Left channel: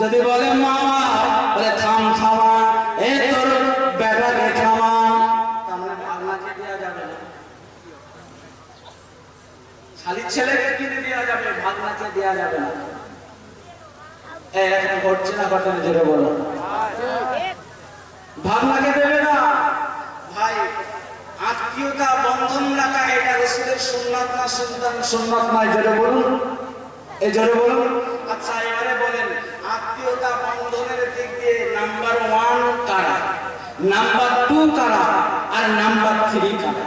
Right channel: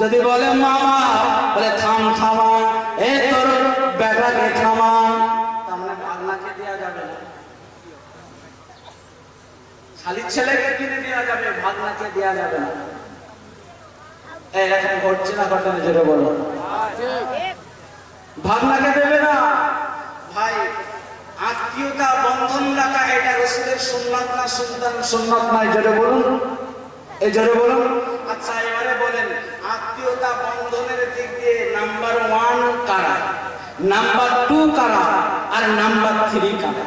যদি বলে মামা, বলে থাম থামা, এ তোর বেটাকে থামা, তাহলে ভাগনাকে দেওয়া যাবে না। শালির ছেলেকে কিনে দেওয়া যাবে, ভাগনাকে দেওয়া যাবে না। এখন ঘটছে না ঘটনা, যেটা বলো ভাগনাকে দেবে না। ভাই, আত্মীয়তা বন্ধন রাখা এটা রাসূলের সুন্নাত না সুন্নাত নয়? জোরে বলুন, এই জোরে বলুন। আচ্ছা এবারে বলেন, আত্মীয়তা বন্ধনের দিক দিয়ে নাম্বার 1 কারা, নাম্বার 2 কারা, আর নাম্বার 3 কারা?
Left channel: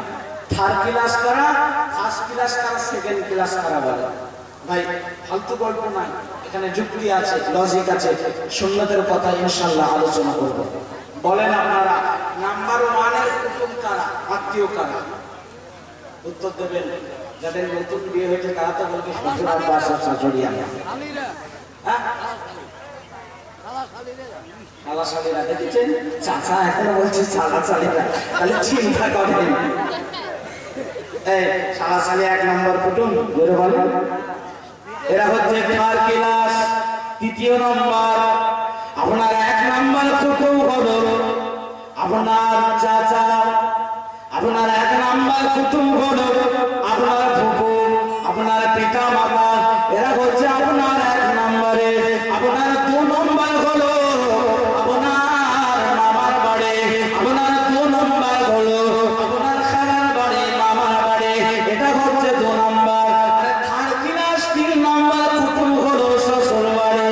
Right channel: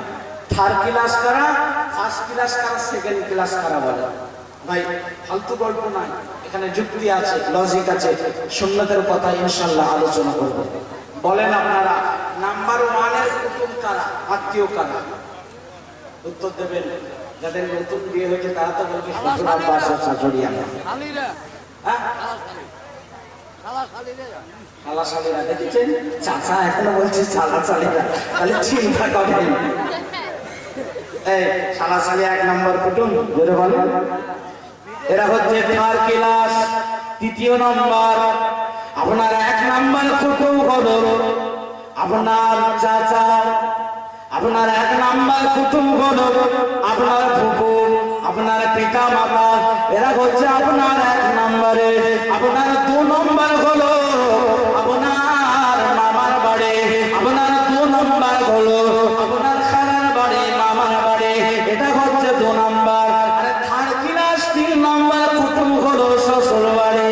থার্ড ক্লাস কারা, ফার্স্ট ক্লাস কারা, সেকেন্ড ক্লাস কারা? বলে ভাই, ফালতু গল্প নয়, এখানে যুক্তি আছে, লজিক আছে, সুন্নাতের কথা ইনশাআল্লাহ আলোচনা করব। বলেন আপনারা, নাম্বার 1 এর কুটুম কারা, আত্মীয় কারা? উত্তর দেবেন। যাদের নতুন বিয়ে হয়েছে তারা তো বলবে শ্বশুর আব্বা শাশুড়ি আমরা। হ্যাঁ, শালা শালীরা দেখেছেন? চাচা এখনো বলছে শালা শালীরা, তাহলে চিন্তা করেন। এই শালা শালী 1 নম্বর কুটুম, জোরে বলেন। এরা হচ্ছে থার্ড ক্লাস, তৃতীয় নম্বর। আপনার 1 নম্বর কুটুম হলো আপনার চাচা, আপনার 1 নম্বর কুটুম হলো আপনার ফুফু, আপনার পিতা মাতা, এরা হচ্ছে আপনার 1 নম্বরে। আপনার 2 নম্বর হলো আপনার মামার বাড়ি, আপনার 2 নম্বর হলো আপনার খালার বাড়ি, মামার বাড়ি, এটা হচ্ছে 2 নম্বর। আর থার্ড ক্লাস 3 নম্বর কুটুম হলো শ্বশুর বাড়ি।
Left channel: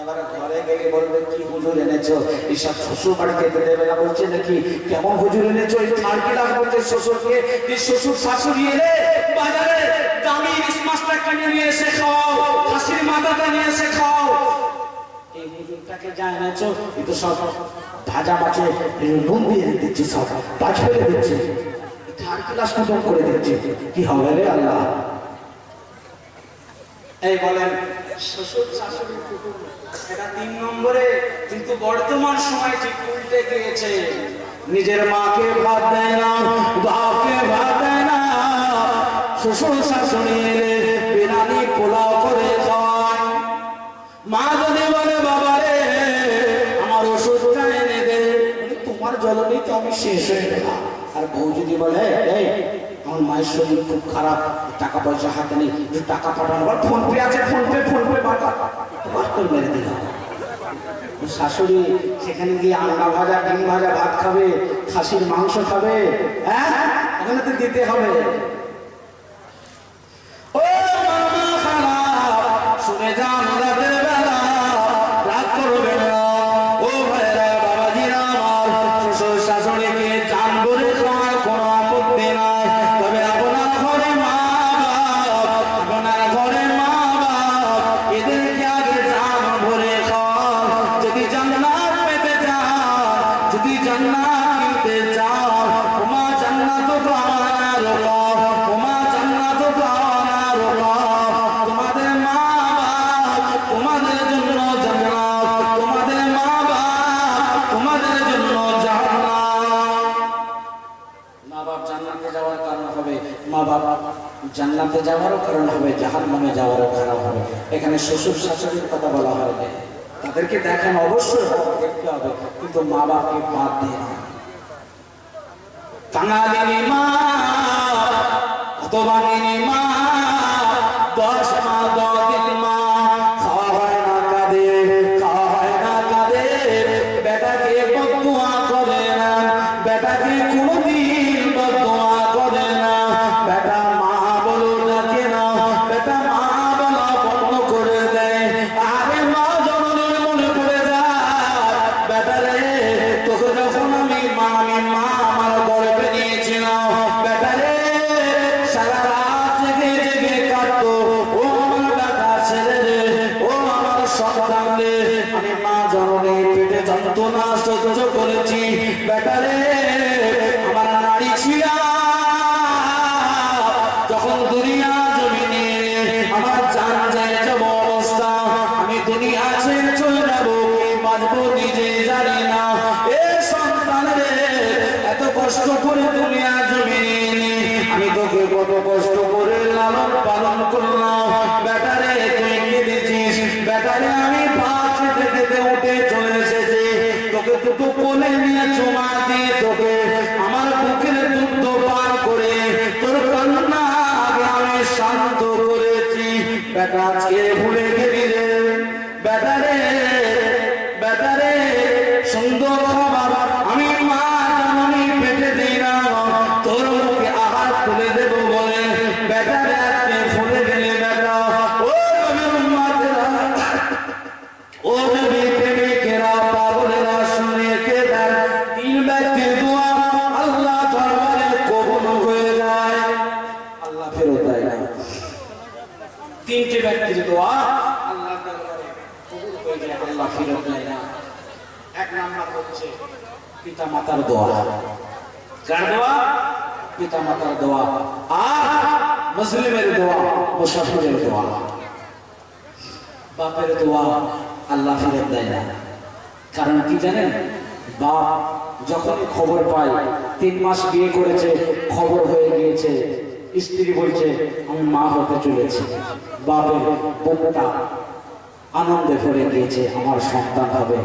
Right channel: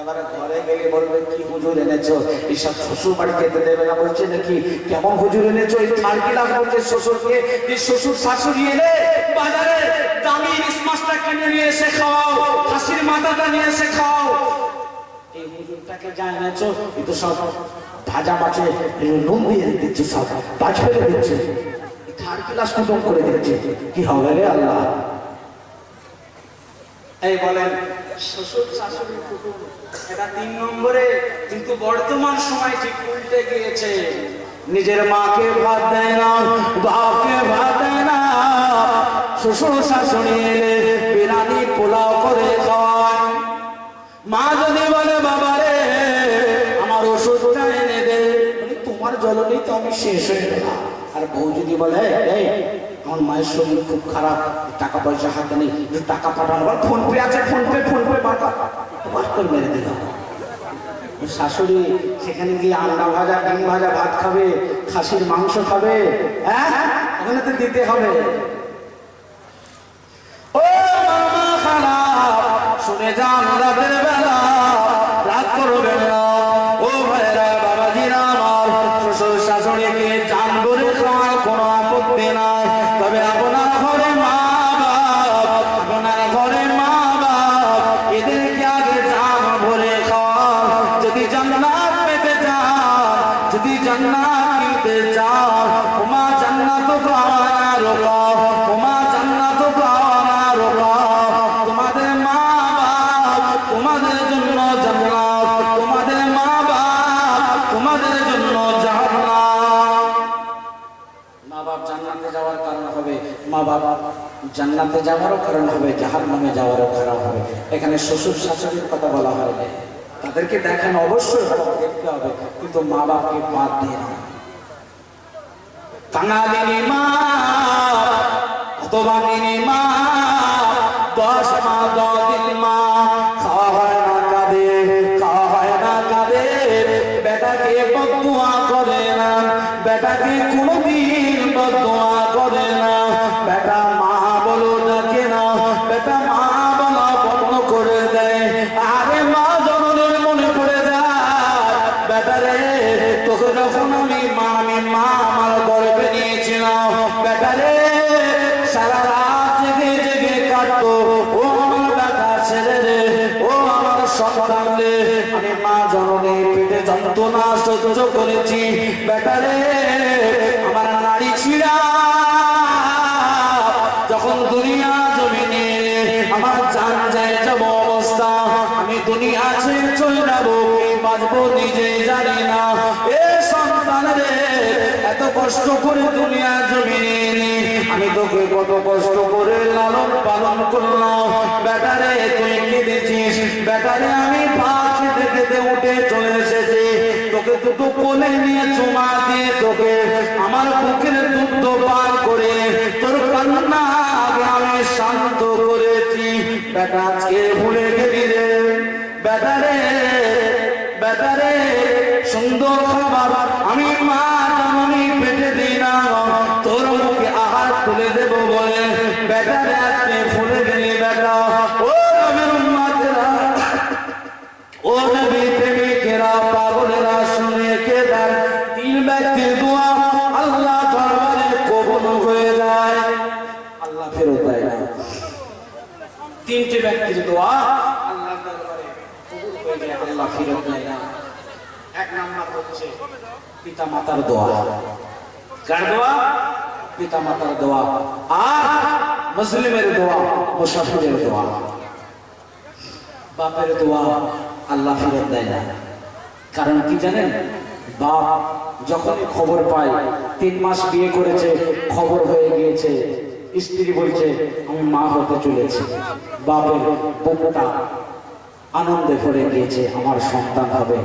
এবারে ঘরে গিয়ে বলবে কি হুজুর এনেছো, এসব শ্বশুর বাড়ি খেতে দেবে না বলছে নাকি? কেমন হুজুর এনেছো? এই থার্ড ক্লাস বলছে শ্বশুরকে, যে শ্বশুর শাশুড়ি এলে বাজারে দামি ইলিশ মাছটা কিনে নিয়ে এসে খাওয়াও, খাসির মাথাটা নিয়ে এসে খাওয়াও। এই হুজুরটাকে যা এনেছো এ তো সব ভাজা মাছে নুন দিয়ে দিচ্ছে, সব বাজ ফেলে দিচ্ছে, থার্ড ক্লাস কুটুম করে দিচ্ছে। কি হবে রে আল্লাহ? এই বলেন, শ্বশুর শাশুড়ি কুটুম এটা 3 নম্বরে। কিন্তু বর্তমান সময় ঠিক উল্টে গিয়েছে। নিজের মাকে ভাত দেয় না, বাপকে ভাত দেয় না, শ্বশুর শাশুড়ি এলে বিরিয়ানি পোলাও করে খাওয়ায়। মা যদি বলে বাবা রে আমার ওষুধটা এনে দে, তোমার জ্বলনেই তো আমি শেষ হয়ে গেলাম। আর বউ যদি বলে এই আমার মায়ের শরীর খুব খারাপ, টাকা পয়সা হাতে নেই, টাকা পাঠানো, ফোন পে আছে, ফোন পে করে মেরে দিলাম। শাশুড়ি সেখানে গিয়ে আন্ডা ভাজা, ডিম ভাজা ভাত খাবে, খাসির মাংস খাবে, হ্যাঁ ওখানে তো দিতে হবে। ও মামা খারাপ, শুনে যান রাতের বেলা, রাত করবেন না। ও ভাইরা বাবাজিরা আমার, শ্বশুর শাশুড়িকে চান করে খাওয়ার কোনো আপত্তি নাই, তবে আপনার ঘরে মা বাপ, আপনার ঘরে মা বাপ, এদেরকে আগে চান ভরে খাওয়া। যদি জান্নাত পেতে চান, যদি জান্নাত কিনতে চান, ওমা জান্নাত পাওয়ার রোগ, ওমা জান্নাত পাওয়ার রোগ। তোমাদের মা বাপ তোমাদের জন্য জান্নাত, তোমাদের মা বাপ তোমাদের জন্য জান্নাত। মা বাপ জান্নাতে যাওয়ার কারণ হবে, মা বাপ জান্নাতে যাওয়ারও কারণ হবে, জাহান্নামে যাওয়ারও কারণ হবে। এখানে শ্বশুর শাশুড়ির কথা বলা হয় না, তাদেরকে দেখেন অবশ্যই দেখতে হবে, কিন্তু মা বাপকে বাদ দিয়ে না। কাঙালিনী মা, হতভাগিনী মা, 10 মা 10 দিন মা, খাওয়া হয় না কাঁদে, খাওয়া হয় না কাঁদে, বেটাকে বদদুয়া করে না, বেটাকে কোনোদিন বদদুয়া করে না, বেটা মা বলো ডাকে না, বেটা মা বলা বন্ধ করে দেয়। আরে মা জননীর মনে পড়ে যায়, বেটা রে তোকে যখন আমি মা আমার গর্ভে নিয়েছিলাম, বেটা রে সারা রাত জেগে জেগে কাটতো, ও আমার বেটা ছেলে রে, ও আমার সন্তান রে, আমি মা জননীর পেটে যন্ত্রণা সহ্য করেছি, বেটা রে আমার নারী ছিড়া যখন দুনিয়া জমিনে আমার জান যায় যাব অবস্থা, আমি দুনিয়া ছেড়ে চলে যাবো কি বাঁচবো নিজে জানি না। এ সন্তান রে এত কষ্ট করে দুনিয়া জমিনে আমি তোকে কত কষ্ট করে লালন পালন করলাম, বেটা রে তুই কেঁদেছিস, বেটারে আমি পাশে থেকে উঠে চলে এসেছি, তোকে দুটো কোলে নিয়ে চুমা দিয়ে তোকে আমার বুকের দুধ পান করে তোর কান্না আমি শান্ত করেছি। বেটা আজকে ভুলে গেলি রে বেটারে, বেটারে সুন্দর খাবার আমি মা আমি পেটে দিই না, তোর মুখে আহার তুলে দেবো বলে বেটারে আজকে ভুলে গেলি বেটা। ও উম্মতেরা, ও নবী প্রেমিকেরা, পাগলেরা শুনে কে দেন তিন ব্যক্তির দোয়া আল্লাহ দরবারে কবুল হয়ে যায়, আল্লাহ ফেরত দেয় না। তিনটে ব্যক্তির দোয়া আল্লাহ দরবারে কবুল হয়ে যায়, আল্লাহ ফেরত দেয় না। এক নাম্বার হচ্ছে পিতা মাতার দোয়া। কার দোয়া? পিতা মাতার দোয়া। আর মুসলিমের দোয়া, মুসাফিরের দোয়া। বাপের দোয়া আল্লাহ ফেরত দেয় না। কারণ কি জানেন? বাপ যখনই খবর পায় 3 মাস বিয়ে করেছে, খবর হয়ে গিয়েছে, স্ত্রী বলছে আমি মা হতে চলেছি, বাপের বুকটা আনন্দে ভরে গিয়েছে, আমার সন্তান হবে।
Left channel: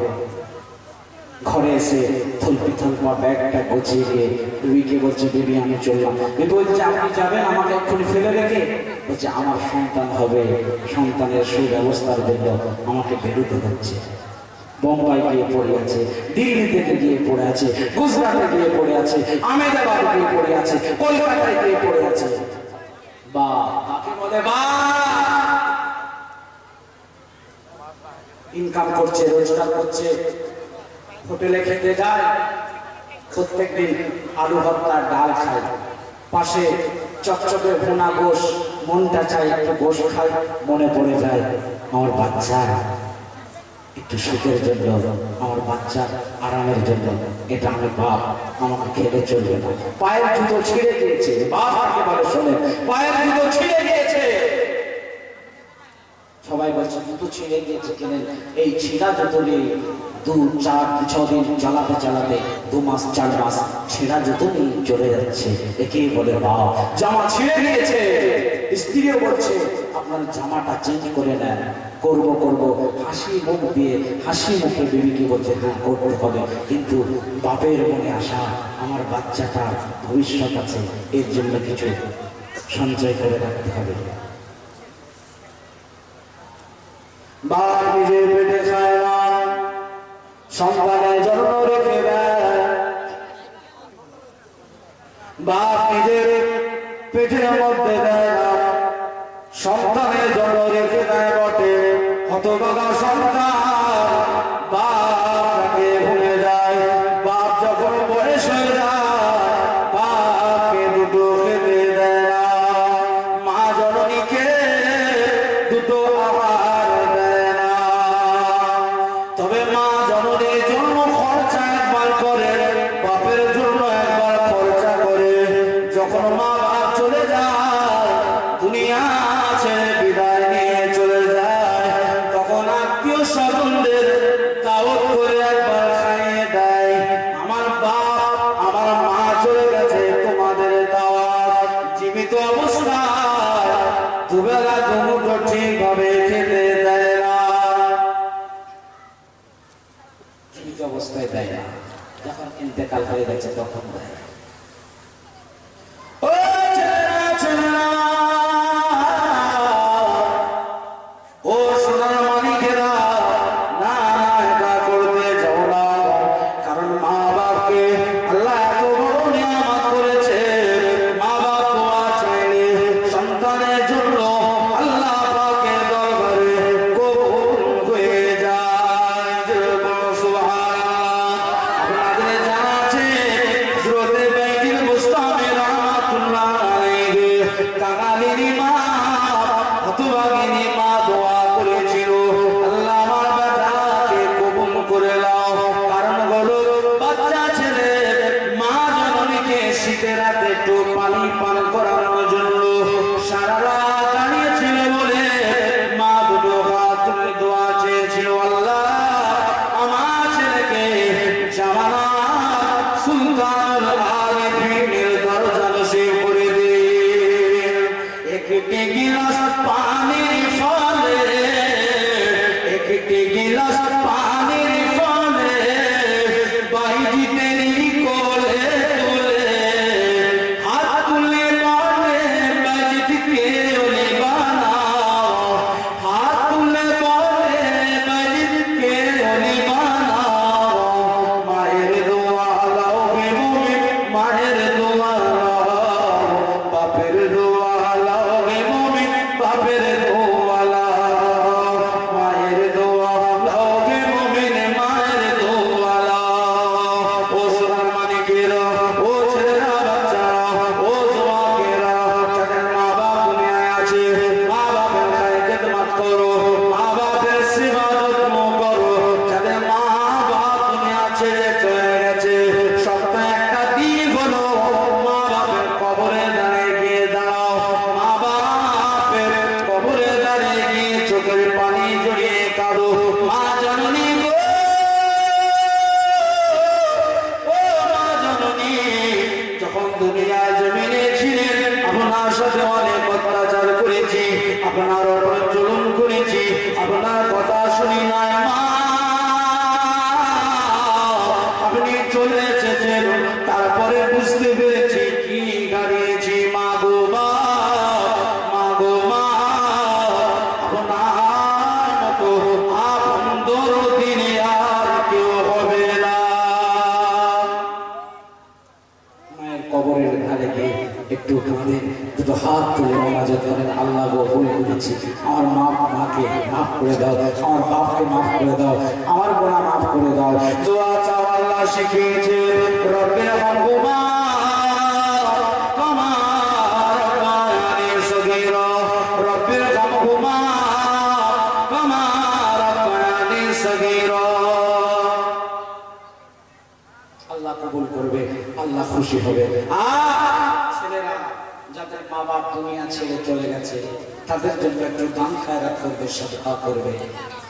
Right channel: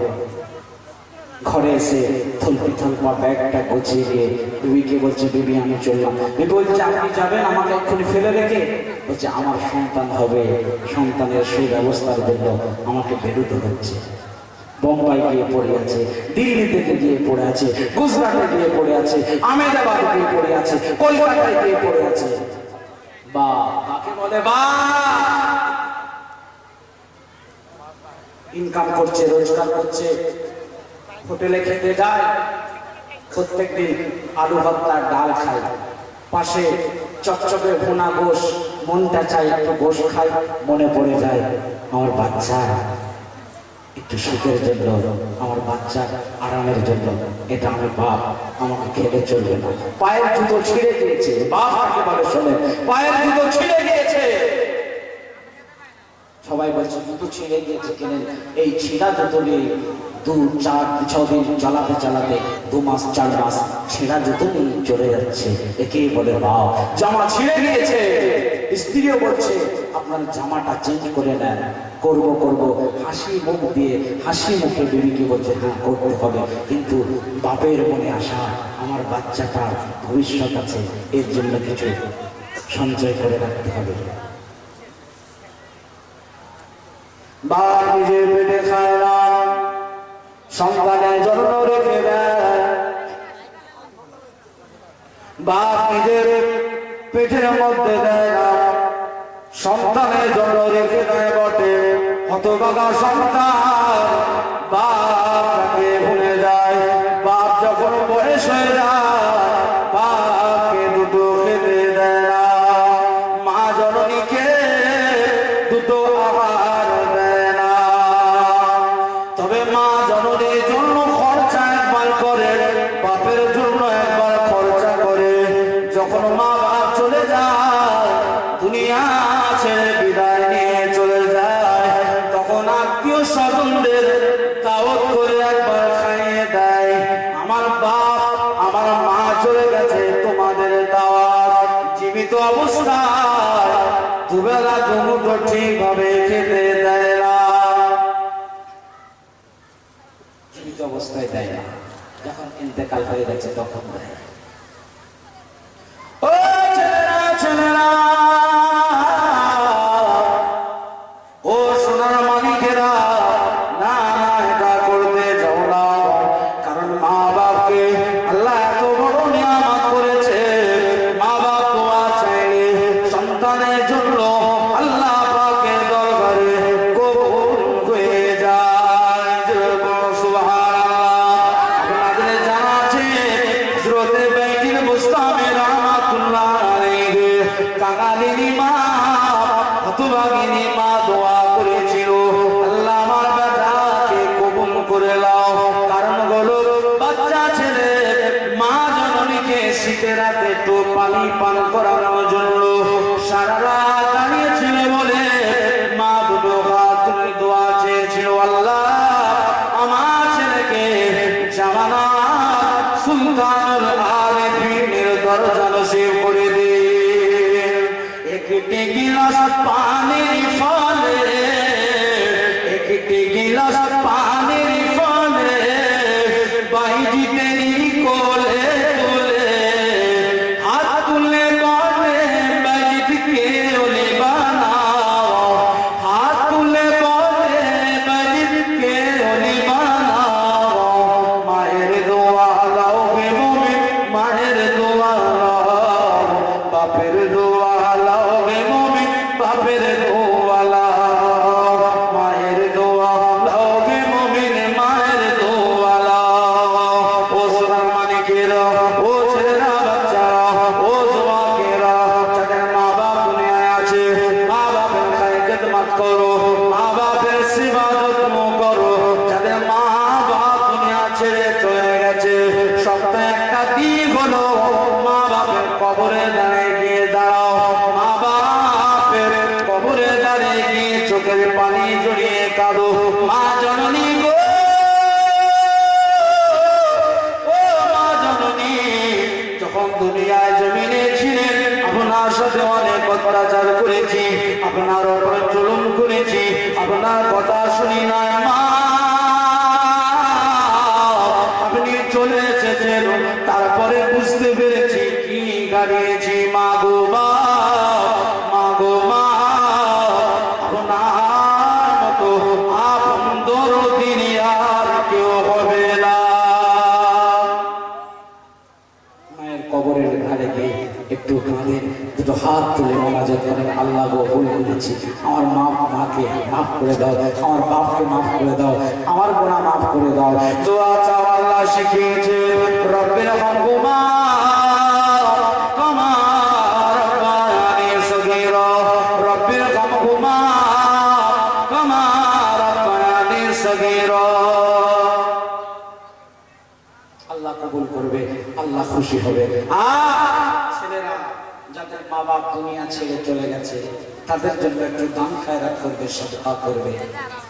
ঘরে এসে থলপি থলপা ব্যাগটা গুছিয়ে দিয়ে বিবিকে বলছে বিবি আমি চললাম। বিবি বলছে আপনি যাবেন আমাকে এক্ষুনি ফেলে রেখে? বলছে আমার সন্তান হবে, সন্তানের সুব্যবস্থার জন্য আমাকে বেরোতে হচ্ছে। বোম্বাই গিয়ে পড়ে আছে, দিল্লি থেকে গিয়ে পড়ে আছে, গুজরাটে গিয়ে পড়ে আছে, আহমেদাবাদে গিয়ে পড়ে আছে, কলকাতায় গিয়ে পড়ে আছে। বা তাকে বলে বা ইনকাম করছে, রোজগার করছে, হোটেলে খেতে যায়, প্রত্যেকদিন আলু ভর্তা ডাল খায়, পাশে চকচকে ভুনা গোশ, মনটা চাই একটু গোশ খাই, মনে পড়ে যায় আমার বাচ্চা একটু সুখের জন্য, আমার বাচ্চার আরামের জন্য, এটা আমি বাপ, আমাকে খেলে চলবে না। পায়ের জুতো ছিঁড়ে গিয়েছে, বাপ আমাকে বলে শোনে পায়ের জুতো ছিঁড়ে গিয়েছে। সবাই বলছে জুতো ছিঁড়ে গিয়েছে কেনেন? এই ছিঁড়া জুতো নিয়ে 2-4-6 দিন চালাতে চালাতে 2 মাস 4 মাস ছেঁড়া জুতো নিয়ে চলে যাচ্ছে। একেই বলে বাপ। জামা ছিঁড়ে গিয়েছে, স্ত্রীও বলছে আপনার জামাটা চেঞ্জ করে নেন। করব করব হাসি মুখ দিয়ে, হাসি মুখে বিবিকে বলছে হ্যাঁ করতে হবে, কিন্তু বাপের মনে আশা আমার বাচ্চাটা ভবিষ্যৎ আছে, এর জন্য কিছু সঞ্চয় করে রাখতে হবে। বাপ নিজের পেটে খায় না, সন্তানের জন্য রেখে দেয়। বাপ নিজের পেটের মধ্যে দেয় না, সন্তানের জন্য রেখে দেয় বটে। হতভাগা সন্তান বাপকে ভুলে যায়। বাপ যখন বয়স হয়ে যায়, বাপকে দুটো খেতে দেয় না, মা জননীকে দুটো আহার দেয় না। তবে মা জননীর জন্য খরচা একবার করে, বাপের জন্য একবার খরচা করে। যখন মা বাপ চলে যায়, দুনিয়া ছেড়ে বিদায় নিয়ে চলে যায়, তখন আত্মীয় স্বজনদের দাওয়াত করে একবার খাইয়ে দেয়। আমার বাপ আমার মা চলে গেছে, তোমাদের দাওয়াত। জীবিত অবস্থায় দুবেলা দুমুঠো ঠিকভাবে খেতে দেয় না, জীবিত অবস্থায় দেয় না, যখন ইন্তেকাল হয়ে গেছে তখন দেয়। ও ছেলেরা ছেলেরা, ও সোনার মানিকেরা, না না এটা করতে যাও না। কারণ মা বাপকে আল্লাহ এত বড় নিয়ামত করেছে, মা বাপ দোয়া চাইলে সন্তানের জন্য আল্লাহ পাকের দরবারে কবুল হয়ে যায়। সুবহানাল্লাহ। আপনাদের জানা আছে হযরতে কাঁদো মা জননী গো, ও মা জননী, যখন দুনিয়ায় জমিনে ছিলেন আপনার সাথে অনেক অত্যাচার করেছি, আপনার উপর জুলুম করেছি, আপনার কথা শুনি নাই মা, আপনি চলে এসেছেন, তারপরে বুঝতে পেরেছি কি হারিয়েছি মা গো মা, মা গো মা, আপনার মতো আপন দরদিনে আর কেউ হবে না। মায়ের কবরের ধারে গিয়ে একটু কাঁদেন, দুটো হাত তুলে নামাজে করেন, আল্লাহ গো ভুল করেছি, আমার মাকে মাফ করে দাও, আমার বাপকে মাফ করে দাও, আমার গোনা মাফ করে দাও। দোয়া চাও আল্লাহ শিখিয়েছে, রব্বির হামহুমা কামা রাব্বায়ানি সগীরা, রব্বির হামহুমা কামা রাব্বায়ানি সগীরা। আল্লাহ কবুল করবে, আল্লাহ খুশি হবে। ছেলেরা যাদের মা বাপ দুনিয়া ছেড়ে চলে গেছে তাদের জন্য একটু দান খায়রাত করবে, সদকা করবে,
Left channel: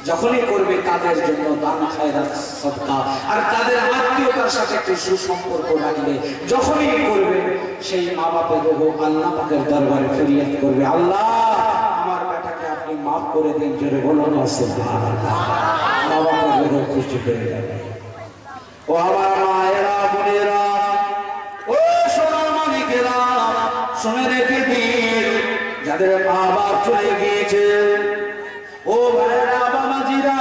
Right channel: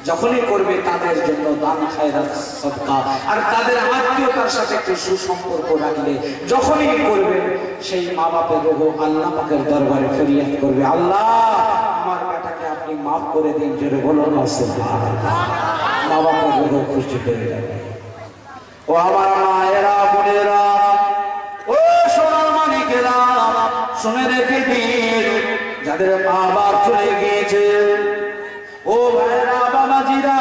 যখনই করবে তাদের জন্য দান খায়রাত সদকা, আর তাদের আত্মীয়তার সাথে একটু সুসম্পর্ক রাখলে যখনই করবে সেই মা বাপের রোগ আল্লাহ পাকের দরবারে ফরিয়াদ করবে, আল্লাহ আমার বেটাকে আপনি মাফ করে দিন, জোরে বলুন সুবহানাল্লাহ। মা বাপের রোগ খুশি হয়ে যাবে। ও আমার মায়েরা বোনেরা, ও সোনার মানিকেরা, শুনে রেখে দিন, যাদের মা বাপ চলে গিয়েছে, ও ভাইরা বাবাজিরা,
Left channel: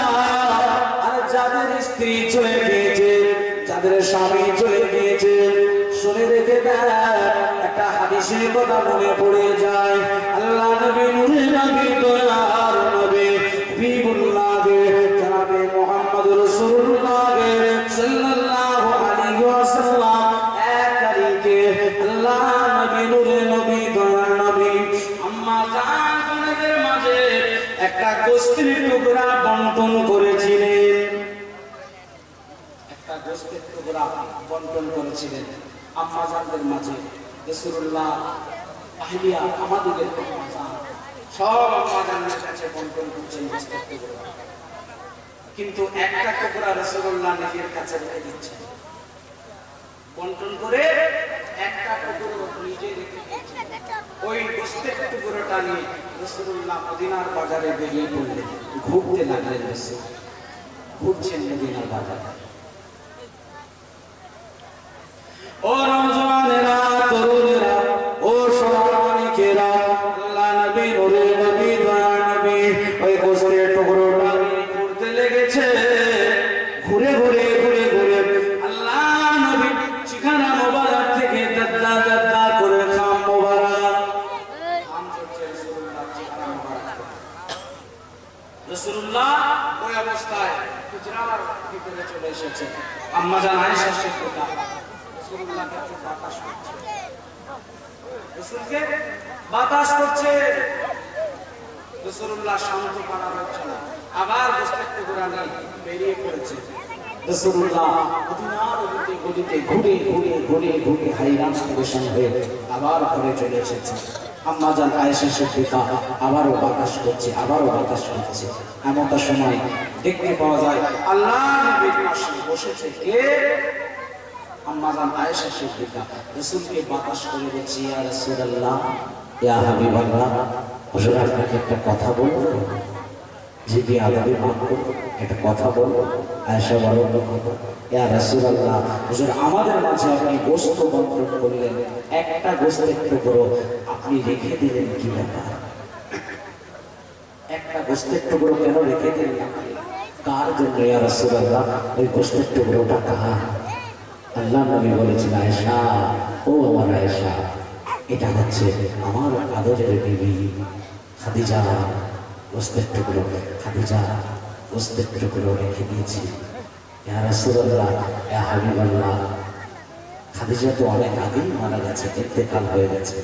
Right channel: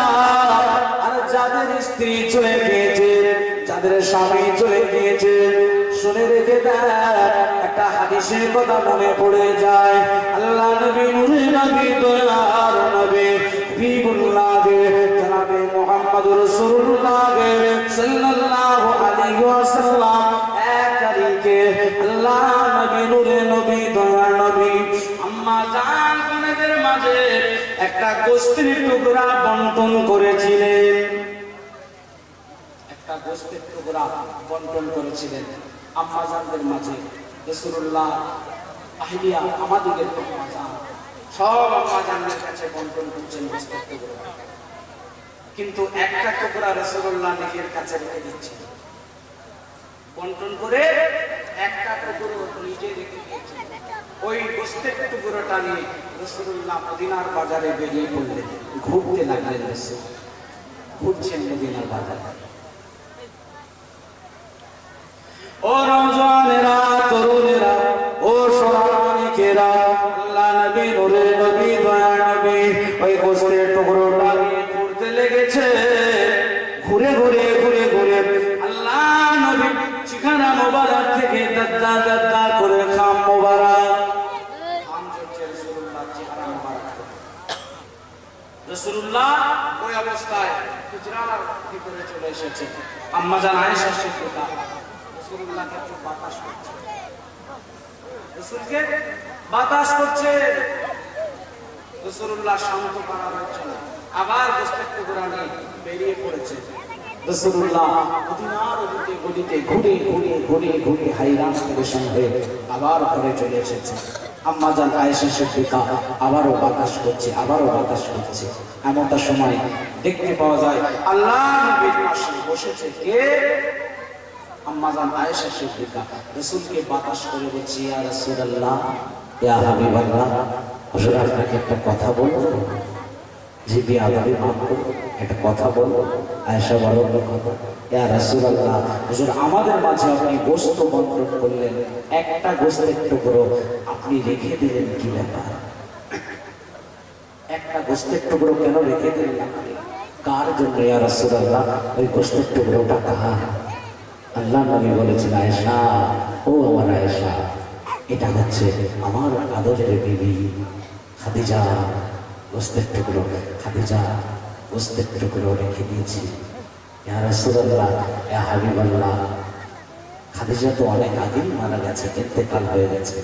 আর যাদের স্ত্রী চলে গিয়েছে, যাদের স্বামী চলে গিয়েছে, শুনে রেখে দেন, একটা হাদিসের কথা মনে পড়ে যায়। আল্লাহ নবী নূরে নবী দয়ার নবী হাবিবুল্লাহ জনাবে মুহাম্মদুর রাসূলুল্লাহ সাল্লাল্লাহু আলাইহি ওয়াসাল্লাম এক তারিখে আল্লাহ নবী নূরে নবী দয়ার নবী আম্মা জান বোনদের মাঝে একটা গোশতের টুকরা বন্টন করেছিলেন, একটা গোশতের টুকরা বন্টন করেছিলেন আম্মা জানদের মাঝে। রাসূলুল্লাহ আহিলিয়া আমাদের আম্মা জান সব আম্মা জানদের কাছে বন্টন করছেন গোশতের টুকরা, কিন্তু একটা টুকরা রাসূলুল্লাহ নিজের কাছে রেখে দিচ্ছেন, বন্টন করে একটা টুকরো নিজে রেখে দিয়েছেন। ওই গোশতের টুকরোটা নিয়ে রাসূলুল্লাহ মদিনার বাজারে বেরিয়ে পড়লেন, ঘুরতে লাগলেন। রাসূল ঘুরছেন মদিনার বাজারে। ও নওজওয়ানেরা, তরুণেরা, ও সোনার মানিকেরা, আল্লাহ নবী নূরে নবী দয়ার নবী ওই গোশতের টুকরোটা নিয়ে ঘুরতে লেগেছে। ঘুরে ঘুরে ঘুরে ঘুরে আল্লাহ নবী ঠিকানা মোবারক থেকে দাদা দাদা করে খাম মোবারক, খাম চলছে রাসূলুল্লাহ ঠিকানা মোবারক। রাসূলুল্লাহ ওই অবস্থায় হুজরার ভিতরে চলে এসেছে। আম্মা জান আয়েশা সিদ্দিকা রাসূলুল্লাহকে একটু বাতাস করছে, রাসূলকে বাতাস করছে। রাসূলুল্লাহ শান্ত করা হচ্ছে না, আবার গোশতের টুকরা নিয়ে বেরিয়ে পড়েছে। রাসূলুল্লাহ মদিনার দিকে গলিতে ঘুরে ঘুরে ঘুরে ঘুরে হাইরান পরেশান হয়ে আবার ঘরে চলে এসেছে। আম্মা জান আয়েশা সিদ্দিকা আবারও বাতাস করছে, আবারও বাতাস করছে। এমনটা সময় দেখতে পাওয়া যায় আল্লাহ নবীর পাশে বসেছে কে? আম্মা জান আয়েশা সিদ্দিকা রাসূলকে বাতাস করে বলছে, ইয়া রাসূলুল্লাহ, ইয়া হাবিবাল্লাহ, হুজুর আপনাকে একটা কথা বলবো? জি বিআদবি মাফ করুন, একটা কথা বলবো। আয়েশা বলল, ইয়া রাসূলুল্লাহ, হুজুর আমাদের মাঝে আপনি গোশত বন্টন করলেন, একটা গোশতের টুকরো আপনি রেখে দিলেন, কি ব্যাপার? একটা গোশতের টুকরো কেন রেখে দিলেন আপনি? কার জন্য ইয়া রাসূলুল্লাহ? ওই গোশতের টুকরোটা কার? আল্লাহ নবী বলেছেন, আয়েশা, ও আমার আয়েশা, এটা হচ্ছে আমার আদরের বিবি খাদিজা। গোশতের টুকরো খাদিজা গোশতের টুকরো রেখে দিয়েছি। ইয়া রাসূলুল্লাহ, ইয়া হাবিবাল্লাহ, খাদিজা তো অনেক আগেই মারা গেছে, ইন্তেকাল হয়ে গেছে।